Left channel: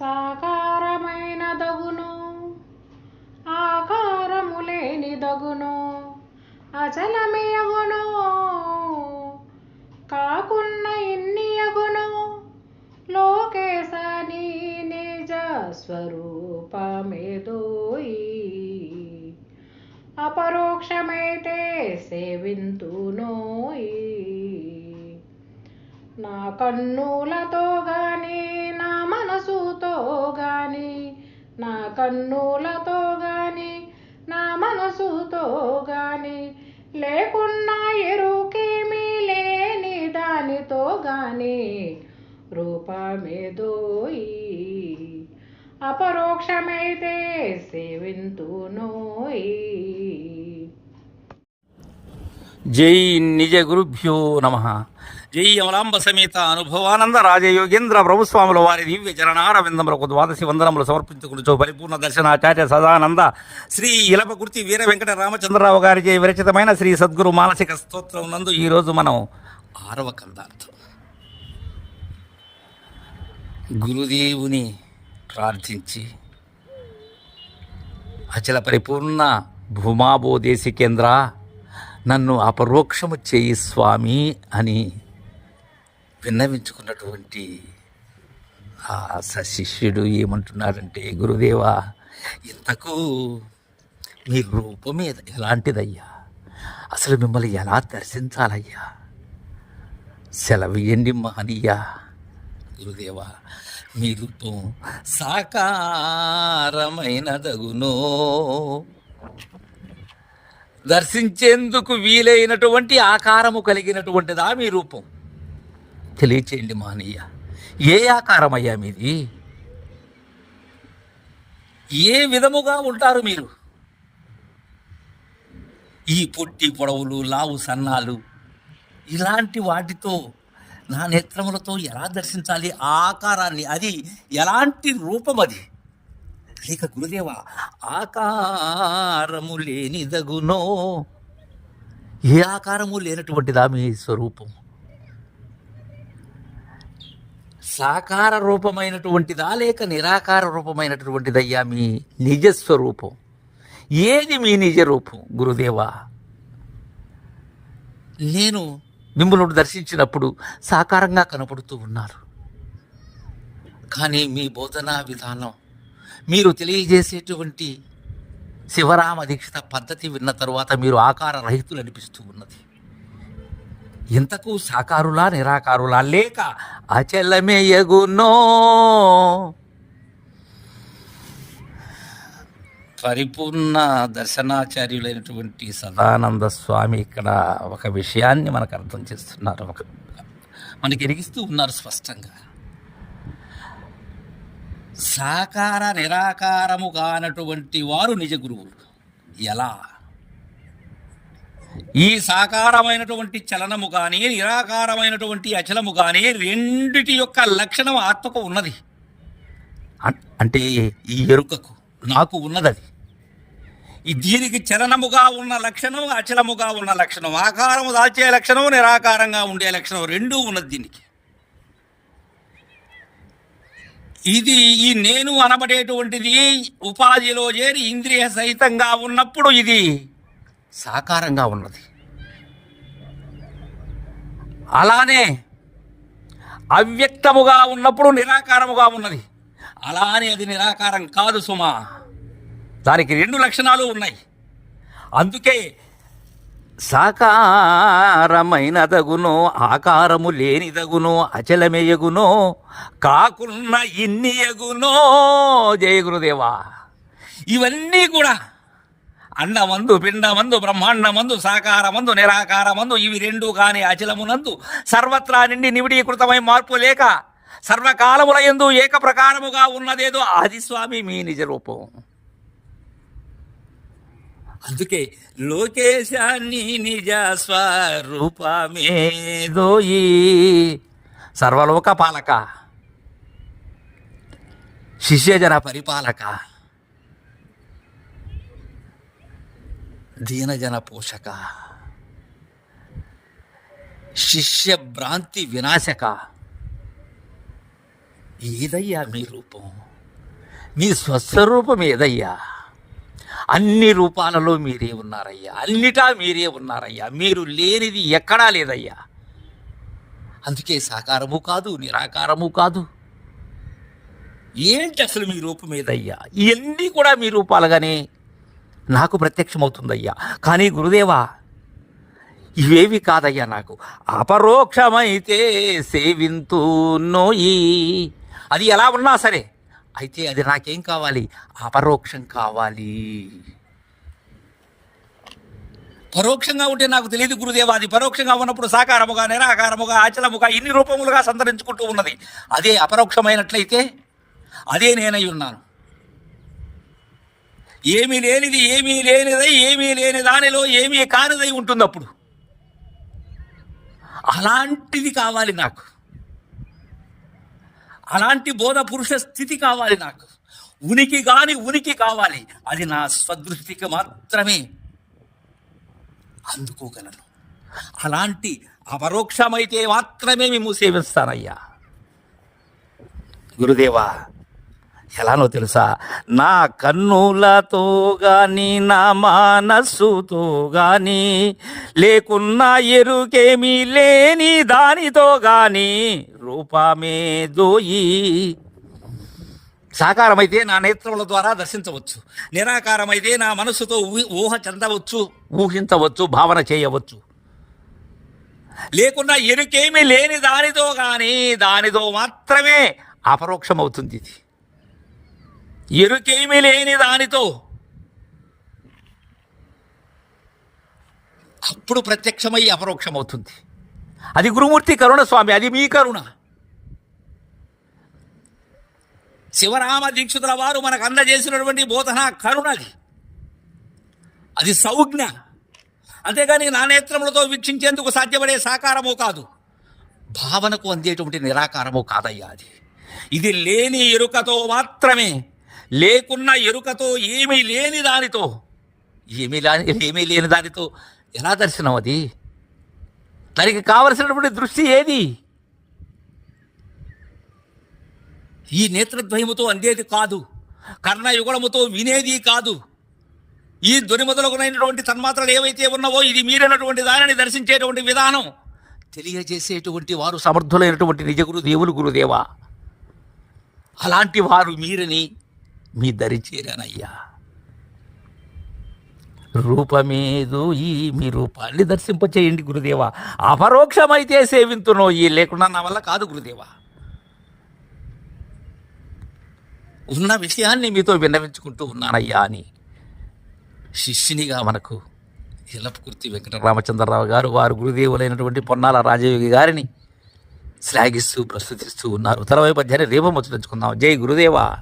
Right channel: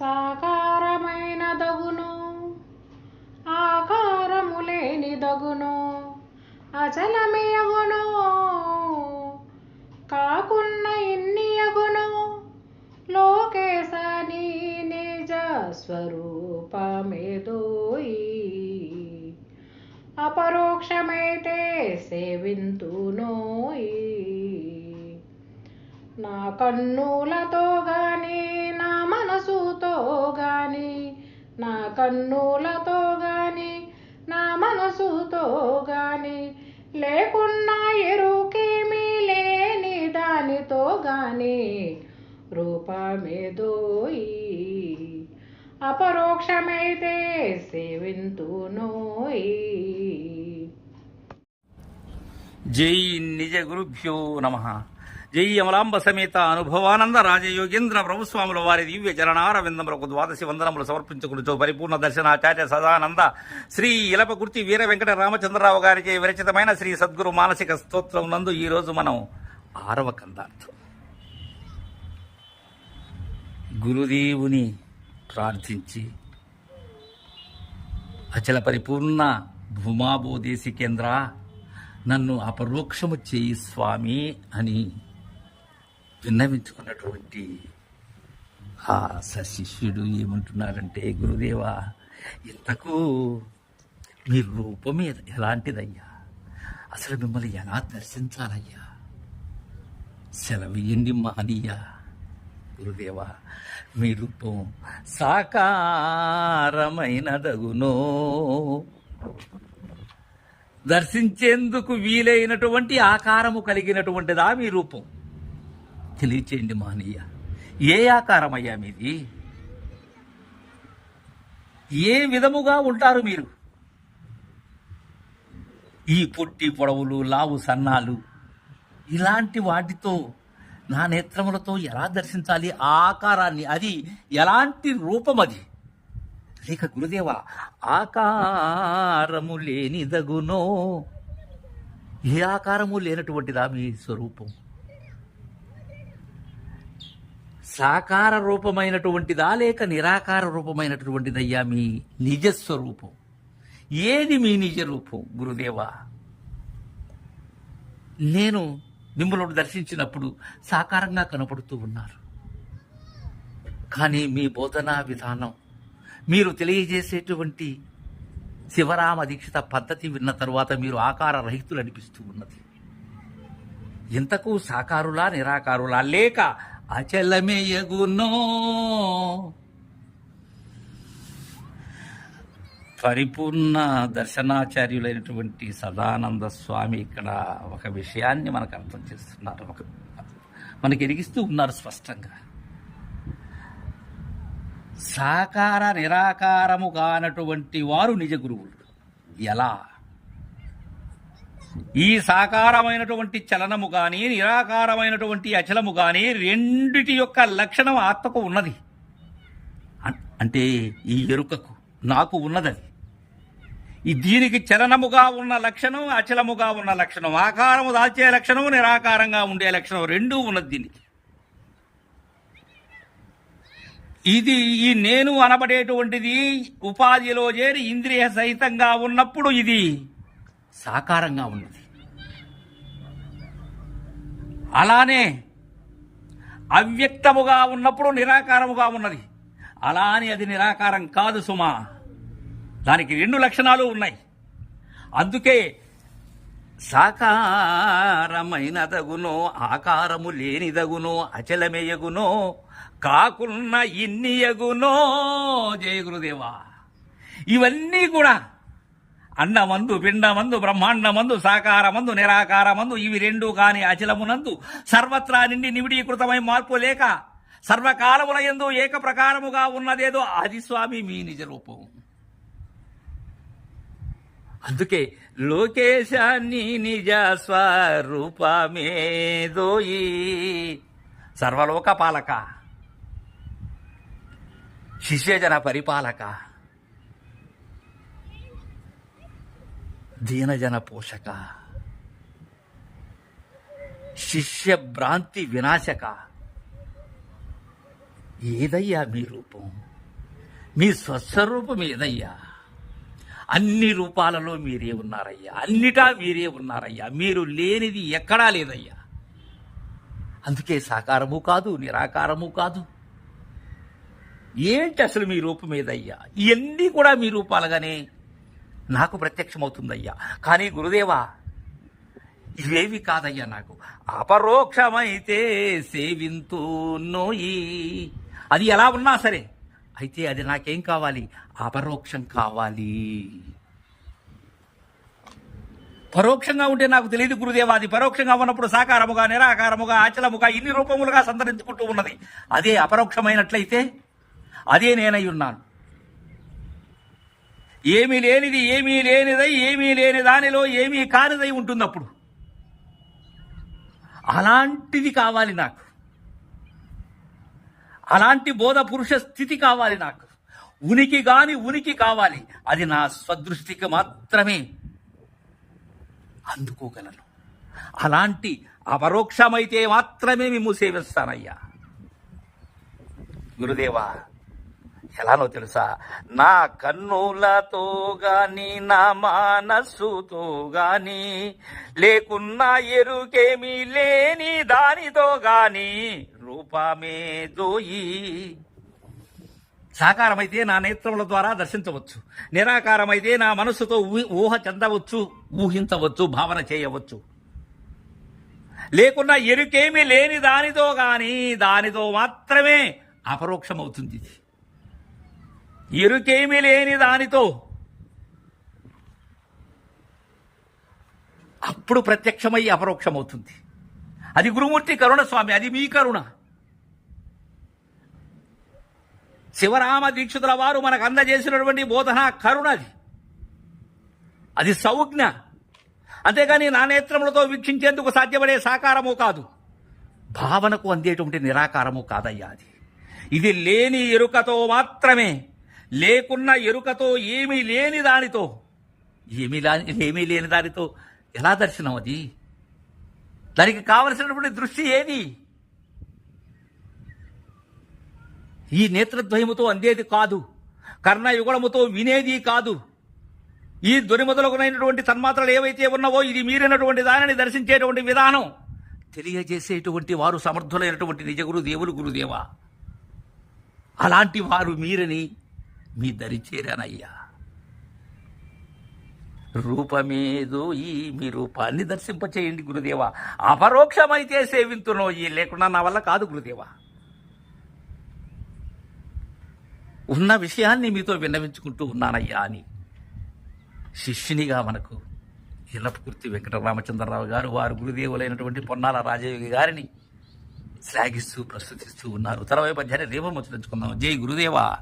సాకారమైన దగును ఆకారము లేని దగును అచలమయగును. కాకున్న ఇన్నియగును. లోకేశని నీ నిజ స్వరూపమేదోయి. అపరోక్షమైతే సేవింతునోయి. నా కన్నులతో గానీ కన్నులతో గాని నా మనసుతో గాని లేకున్నా ఎరుకేమీ లేని దానితో గాని రూపమేదోయి అపరోక్షమైతే సేవింతునోయి జై నిజ గురుభ్యో నమ. జై అమలాంబ సమేత అనుభవానంద రాజయోగేంద్ర ప్రభుస్వాముల వారి దివ్య చరణారవిందములకు ద్వాదశి వందనములు సమర్పించుకుని పరిపూర్ణ దర్శనాచార్య సదానంద. శ్రీ ఇలపకుర్తి వీర వెంకట రామచంద్రరావు గారిచే విరచితమైన శ్రీ సద్గురు మానసిక స్తోత్రం నందు ఈరోజు మనం ఆరవ కందార్థం. గురుదేవుని ప్రార్థించి అచల పరిపూర్ణ భూమాబోదేశి కేంద్ర నన్ను అపరోక్షము చేయి స్వామి అని విన్నవించుకున్నటువంటి ఆ సశిష్యుడు ఏమంటున్నాడంటే గురుదేవా ఇంతకు మీ రూపం ఎలాంటిదయ్యా? అసలు మిమ్మల్ని ఎలా దర్శించాలయ్యా? సెలవియండి మహనీయ. గురుదేవా మీ రూపం సాకారమైనదగునో. దర్శించేందుకు వీలైనటువంటి ఆకారము కలిగినటువంటిదా మీ రూపం? తెలియచేయండి మహనీయ. ఏ ఆకారమయ్యా మీది? ఏ విధముగా ఉంటారు మీరు? ఈ పొట్టి పొడవులు లావు సన్నాలు ఇలాంటి వాటితో నా నేత్రములతో ఎలా దర్శించాలి? ఆ ఆకారాన్ని అది ఎలాంటి రూపం అది? లేక గురుదేవ ఆకారము లేనిదగునో ఏ ఆకారము లేనటువంటిదా మీ స్వరూపం? సాకార రూపమైనటువంటిదా లేక నిరాకార రూపమైనటువంటిదయ్యా మీ నిజస్వరూపం? ఏది మీ నిజ రూపం గురుదేవా? నేను మిమ్మల్ని దర్శించినప్పుడు సాకారంగా కనపడుతూ ఉన్నారు. కానీ మీ బోధనా విధానం మీరు తెలియజేసేటువంటి శివరామ దీక్షిత పద్ధతి విన్న తరువాత మీరు ఆకార రహితులు అనిపిస్తూ ఉన్నది. ఇంతకు సాకారులా నిరాకారులా? లేక అచలమేయగునో పరిపూర్ణ దర్శనాచార్యులైనటువంటి సదానంద స్వామి ఇక్కడ ఒక విషయాన్ని మనకు అర్థం చేస్తున్నారు. ఒక మనకి ఎరిగిస్తూ ఉన్నారు స్పష్టంగా. సాకార నిరాకారము కానటువంటి వారు నిజ గురువులు. ఎలా? ఈ సాకారమైనటువంటి చలనము కానీ నిరాకారమైనటువంటి అచలము కానీ రెండిటి యొక్క లక్షణం ఆత్మకు ఉన్నది. అంటే ఈ ఎరుకకు నాకు ఉన్నదది. అది దీనికి చలనముగా ఉన్న లక్షణం అచలముగా ఉన్న లక్షణం ఆకారము దాల్చే లక్షణం నిరాకారంగా ఉండే లక్షణం రెండూ ఉన్నది దీనికి. ఇది ఈ నేను అనబడేటువంటిది ఉపాధిలో చేరి ఇంద్రియ సహితంగా ఉన్నప్పుడు ఇది సాకారంగా ఉన్నది. అలానే అవ్యక్తముగా ఉన్నప్పుడు నిరాకారముగా ఉన్నది. అలా అని అది నిరాకారం కాదు సుమా. దానికి రెండు లక్షణాలు ఉన్నాయి. అందుకే సాకారమైనదగునో ఆకారము లేనిదగునో అచలమేయగునో కాకున్న ఇన్నియగునో జయ గురుదేవా. ఇవన్నీ కూడా అన్నమందు పిండమందు బ్రహ్మాండమందు సాకారమందు నిరాకారమందు ఇవి రెండు కాని అచలమునందు సర్వత్రా నిండి నివిడీకృతమై మార్పు లేక సర్వకాలముల ఎందు ఏక ప్రకారముగా ఉన్నదేదో అది స్వామి మీ నిజ రూపం. అందుకే లోకేశాన్ని నిజ స్వరూపమేదోయి. సర్వలోక పాలక శిష్యజన పరిపాలక దీనజన పోషక శిష్య భ్రాంతి వినాశక ఏదయ్యా మీ రూపం మీ స్వస్వరూపం ఏదయ్యా అన్ని రూపాలలో మీరే ఉన్నారయ్యా అన్నిటా మీరే ఉన్నారయ్యా మీరు లేనిది ఎక్కడా లేదయ్యా అందుకే సాకారము కాదు నిరాకారము కాదు ఏంటి అసలు మీ రూపం ఏదయ్యా ఇవన్నీ కూడా మీ రూపాలుగానే నాకు ప్రత్యక్షమవుతుందయ్యా. కానీ గురుదేవా ఇవేవి కాదయ్యా నాకు. అపరోక్షమైతే సేవింతూ నోయి అది ఎలా ఉన్నా సరే అయితే అది నాకేం కావాలి? అపరోక్షం కావాలి. పరోక్షంగా ఉంటే నాకు తెలియదు గురుదేవా అది పరోక్షంగా ఉన్నప్పుడు సాకారముగా నిరాకారముగా ఆచలముగా ఇన్ని రూపములుగా సంతరించుకుంటూ ఉన్నది. అదే అపరోక్షమైనట్లయితే అదే నేనై ఉన్నాను. ఏమీ లేనిది ఏమీ లేనిదై ఏమీ లేని దానిలో ఏమీ కానిదై ఉంటుంది అప్పుడు అలాంటిది కావాలి నాకు. అలాంటి బోధ పురుష స్థితి కావాలి నాకు. ఉనికి కాని ఉనికి కావాలి. అది నా స్వదృష్టికి మాత్రమే అందుకోగలను. అలాంటి అపరోక్షమైతే మాత్రమే మేము సేవిస్తానయ్యా గురుదేవా ఎలానో తెలుసా? నా కన్నులతో గాని నా మనస్సుతో గాని లేకున్నా ఎరుకేమీ లేని దానితో గాని రూపమే దోయి. సాకారమైతే నా నేత్రముల ద్వారా దర్శించవచ్చు. నిరాకారమైతే నా మనస్సుతో ఊహ- ఊహ చెందవచ్చు ఊహించవచ్చు భావన చేయవచ్చు. లేకున్నా ఎరుకేమీ లేని దానితో కానీ దానితో మాత్రమే అపరోక్షమవుతుంది ఇది. ఎరుకేమీ లేని దానితో. అప్పుడు ప్రత్యక్షమై అపరోక్షమవుతుంది. అది గురుమూర్తి కరుణ స్వామి అది మీ కరుణ. శివరామ దీక్షితుల వారు మనకు అందజేసినటువంటి బోధన కరుణ అది. అది సౌజ్ఞ. అంతేగాని నా నేత్రములతో వీక్షించేందుకు సాధ్యపడే సాకారము కాదు. భావనకు అందేటువంటి నిరాకారము కాదయ్యా అది. ఇది లేని ఎరుకతో మాత్రమే లేకున్న ఎరుకతో ఏమీ లేని దానితో. ఏమీ ఏమీ లేని దానితో ఎలా దర్శనం అది? దానికి కావలసినటువంటి దృష్టి ఏది? ఈ నేత్రద్వయముతో అందేది కాదు. కర్ణయుగళముతో వినేది కాదు. ఈ ధ్వని మొదలగునైనటువంటి తన్మాత్రలు ఏవైతే ఉన్నావో ఇది మీరినటువంటి దానిని దర్శించేటువంటి విధానం. తెలియజేసేటువంటి వారు సమర్థులైనటువంటి నిజగురు దేవులు గురుదేవా. అలాంటి వారు మీరని మీ దరి చేరానయ్యా. రూపమేదు ఈ మీ రూపాన్ని దర్శింపచేయండి గురుదేవా. అపరోక్షమైతే సేవింతునో ఈ లేకుండా నా వల్ల కాదు గురుదేవ. ఉన్న విషయాన్ని మీతో విన్నవించుకుంటూ ఉన్నానయ్యా అని శిష్యునిగా మనకు ఇలపకుర్తి వెంకటరామచంద్రరావు గారు వారు గురుదేవులైనటువంటి పొన్నాల రాజయోగి గారిని శ్లాఘిస్తూ ప్రస్తుతిస్తూ ఉన్నారు. తర్వాత అధ్యాయం రేపం వచ్చి జై గురుదేవా.